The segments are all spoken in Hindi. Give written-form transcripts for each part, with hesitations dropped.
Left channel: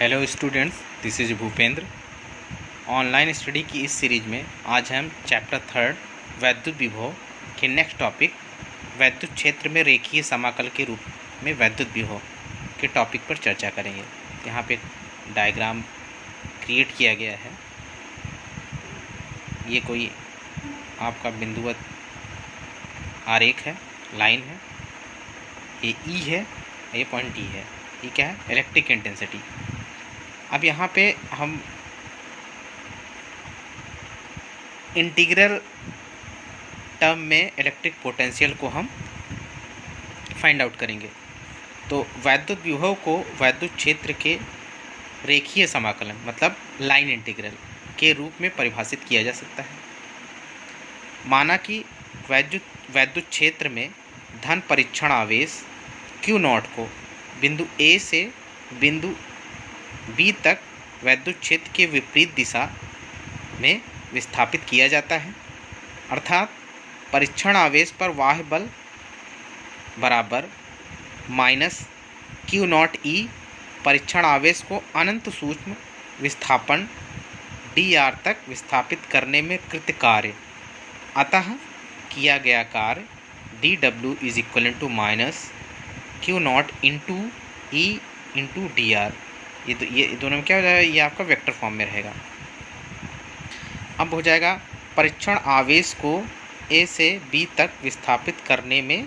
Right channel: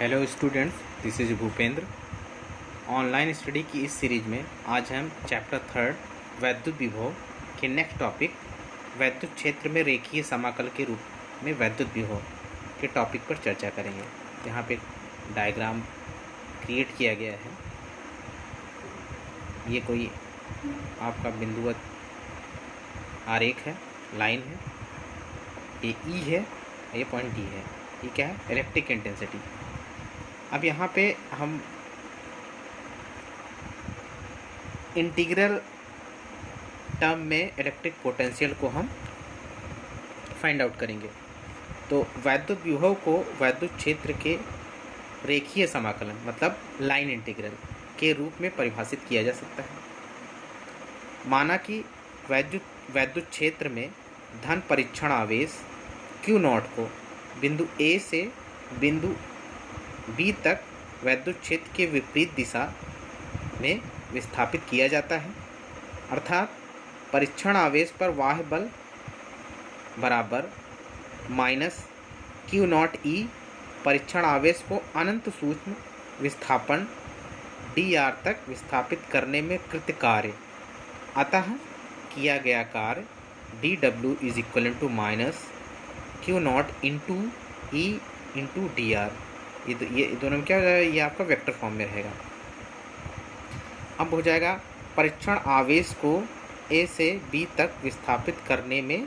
Hello students, this is Bhupendra. Online study की इस सीरीज में आज हम चैप्टर 3 वैद्युत विभव के नेक्स्ट टॉपिक वैद्युत क्षेत्र में रेखीय समाकल के रूप में वैद्युत विभव के टॉपिक पर चर्चा करेंगे। यहाँ पे डायग्राम क्रिएट किया गया है। ये कोई आपका बिंदुवत आरेख है, लाइन है। ये ई है, ये पॉइंट डी है। ये क्या है? Electric intensity. अब यहाँ पे हम इंटीग्रल टर्म में इलेक्ट्रिक पोटेंशियल को हम फाइंड आउट करेंगे। तो वैद्युत विभव को वैद्युत क्षेत्र के रेखीय समाकलन मतलब लाइन इंटीग्रल के रूप में परिभाषित किया जा सकता है। माना कि वैद्युत क्षेत्र में धन परीक्षण आवेश Q0 को बिंदु A से बिंदु B तक वैद्युत क्षेत्र के विपरीत दिशा में विस्थापित किया जाता है, अर्थात परीक्षण आवेश पर बाह्य बल बराबर माइनस Q0E परीक्षण आवेश को अनंत सूक्ष्म विस्थापन dr तक विस्थापित करने में कृत कार्य। अतः किया गया कार्य dW is equal to minus Q0 into E into dr। ये दोनों में क्या हो जाएगा? ये आपका वेक्टर फॉर्म में रहेगा। अब हो जाएगा परीक्षण आवेश को A से B तक विस्थापित करने में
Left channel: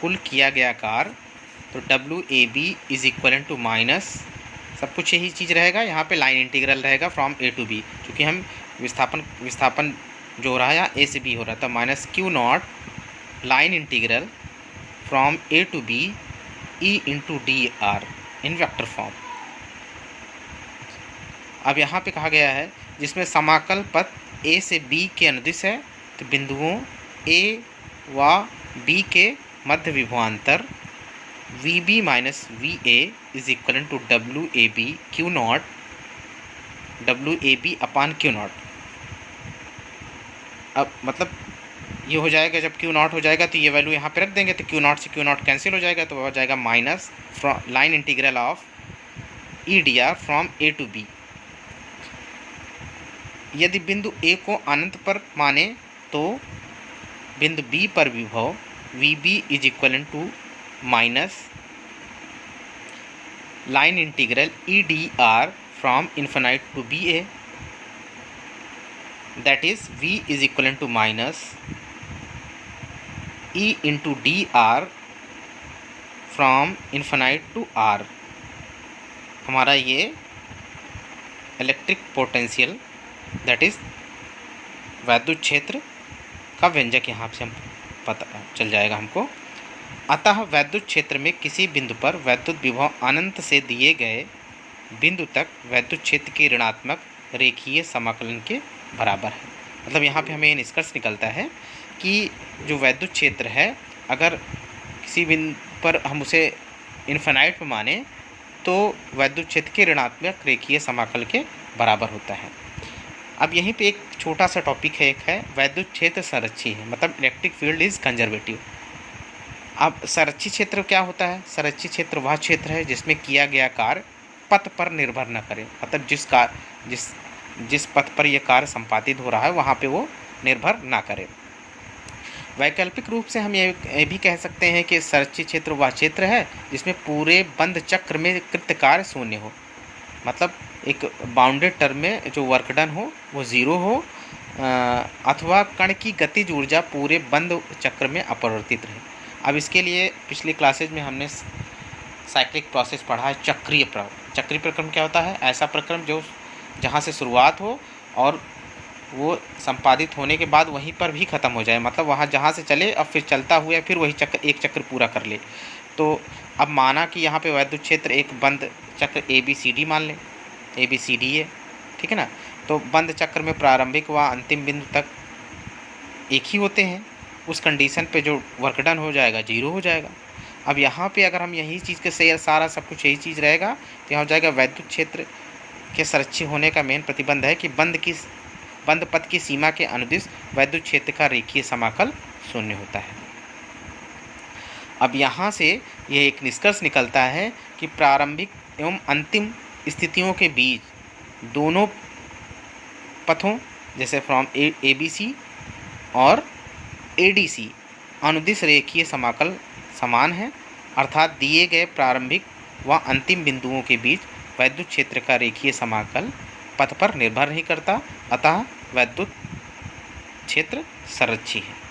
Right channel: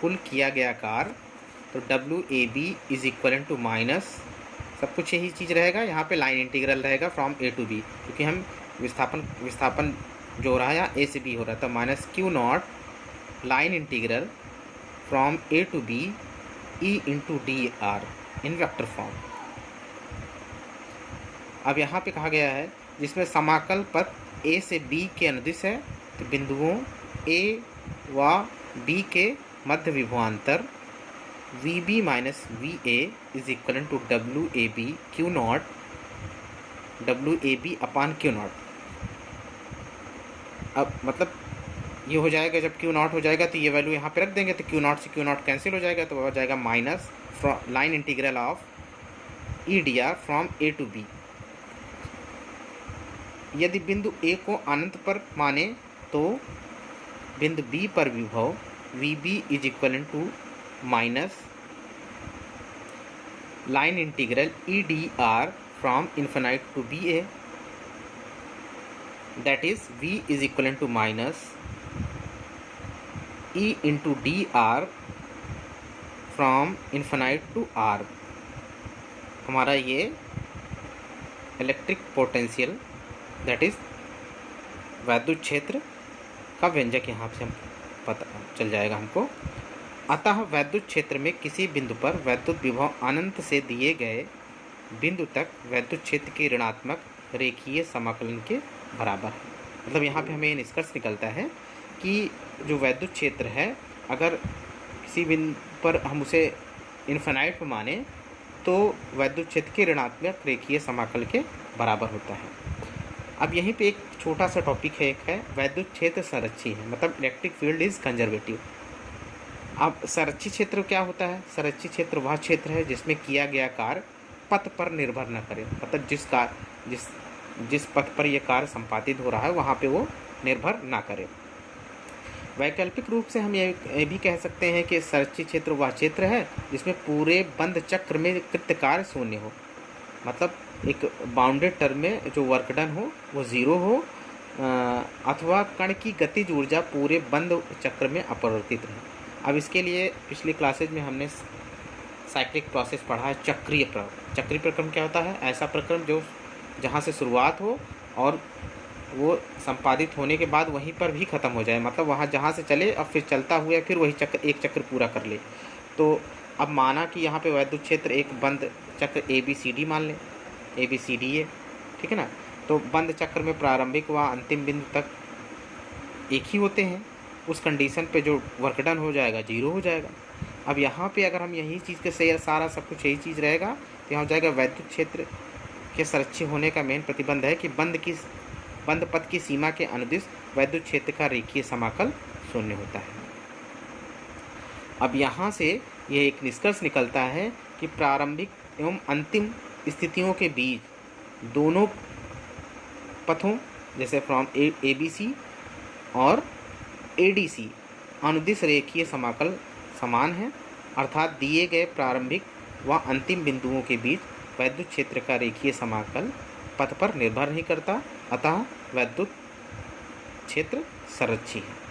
कुल किया गया कार्य। तो WAB is equal to minus, सब कुछ यही चीज़ रहेगा। यहाँ पे लाइन इंटीग्रल रहेगा फ्रॉम A टू B, क्योंकि हम विस्थापन जो हो रहा है यहाँ A से B हो रहा था, minus Q0 line integral from A to B E into dr in vector form. अब यहाँ पे कहा गया है जिसमें समाकल पथ A से B के अनुदिश है, तो बिंदुओं A व B के मध्य विभवांतर VB minus VA is equal to WAB Q0 WAB upon Q0। अब मतलब ये हो जाएगा, जब Q0 हो जाएगा तो ये वैल्यू यहाँ पे रख देंगे, तो Q0 से Q0 कैंसिल हो जाएगा, तो हो जाएगा minus line integral of EDR from A to B। यदि बिंदु A को अनंत पर माने तो बिंदु B पर विभव VB is equal to minus line integral EDR from infinite to BA, that is V is equal to minus E into dr from infinite to R। हमारा ये इलेक्ट्रिक पोटेंशियल दैट इज़ वैद्युत क्षेत्र का व्यंजक यहाँ से हम पता चल जाएगा हमको। अतः वैद्युत क्षेत्र में किसी बिंदु पर वैद्युत विभव अनंत से दिए गए बिंदु तक वैद्युत क्षेत्र के ऋणात्मक रेखीय समाकलन के बराबर है। मतलब यहाँ पे हमें निष्कर्ष निकलता है कि जो वैद्युत क्षेत्र है, अगर किसी बिंदु पर हम उसे इन्फिनाइट में माने तो वैद्युत क्षेत्र के ऋणात्मक रेखीय समाकल के बराबर होता है। अब यहीं पे एक छोटा सा टॉपिक है, एक है वैद्युत क्षेत्र संरक्षी है, मतलब इलेक्ट्रिक फील्ड इज कंजर्वेटिव। अब संरक्षी क्षेत्र क्या होता है? संरक्षी क्षेत्र वह क्षेत्र है जिसमें किया गया कार्य पथ पर निर्भर न करे, मतलब जिस पथ पर यह कार्य संपादित हो रहा है वहाँ पे वो निर्भर ना करे। वैकल्पिक रूप से हम ये भी कह सकते हैं कि संरक्षी क्षेत्र वह क्षेत्र है जिसमें पूरे बंद चक्र में कृत कार्य शून्य हो, मतलब एक बाउंडेड टर्म में जो वर्क डन हो वो ज़ीरो हो, अथवा कण की गतिज ऊर्जा पूरे बंद चक्र में अपरिवर्तित रहे। अब इसके लिए पिछले क्लासेज में हमने साइक्लिक प्रोसेस पढ़ा है। चक्रीय प्रक्रम क्या होता है? ऐसा प्रक्रम जो जहाँ से शुरुआत हो और वो संपादित होने के बाद वहीं पर भी ख़त्म हो जाए, मतलब वहाँ जहाँ से चले और फिर चलता हुआ फिर वही एक चक्र पूरा कर ले। तो अब माना कि यहाँ पे वैद्युत क्षेत्र एक बंद चक्र ABCD मान लें, ABCD है, ठीक है ना। तो बंद चक्र में प्रारंभिक व अंतिम बिंदु तक एक ही होते हैं। उस कंडीशन पे जो वर्क डन हो जाएगा ज़ीरो हो जाएगा। अब यहाँ पे अगर हम यही चीज़ के से सारा सब कुछ यही चीज़ रहेगा तो यहाँ हो जाएगा वैद्युत क्षेत्र के संरक्षी होने का मेन प्रतिबंध है कि बंद पथ की सीमा के अनुदिश वैद्युत क्षेत्र का रेखीय समाकल शून्य होता है। अब यहाँ से यह एक निष्कर्ष निकलता है कि प्रारंभिक एवं अंतिम स्थितियों के बीच दोनों पथों जैसे फ्रॉम ए बी सी और ए डी सी अनुदिश रेखीय समाकल समान है, अर्थात दिए गए प्रारंभिक व अंतिम बिंदुओं के बीच वैद्युत क्षेत्र का रेखीय समाकल पथ पर निर्भर नहीं करता, अतः वैद्युत क्षेत्र संरक्षी है।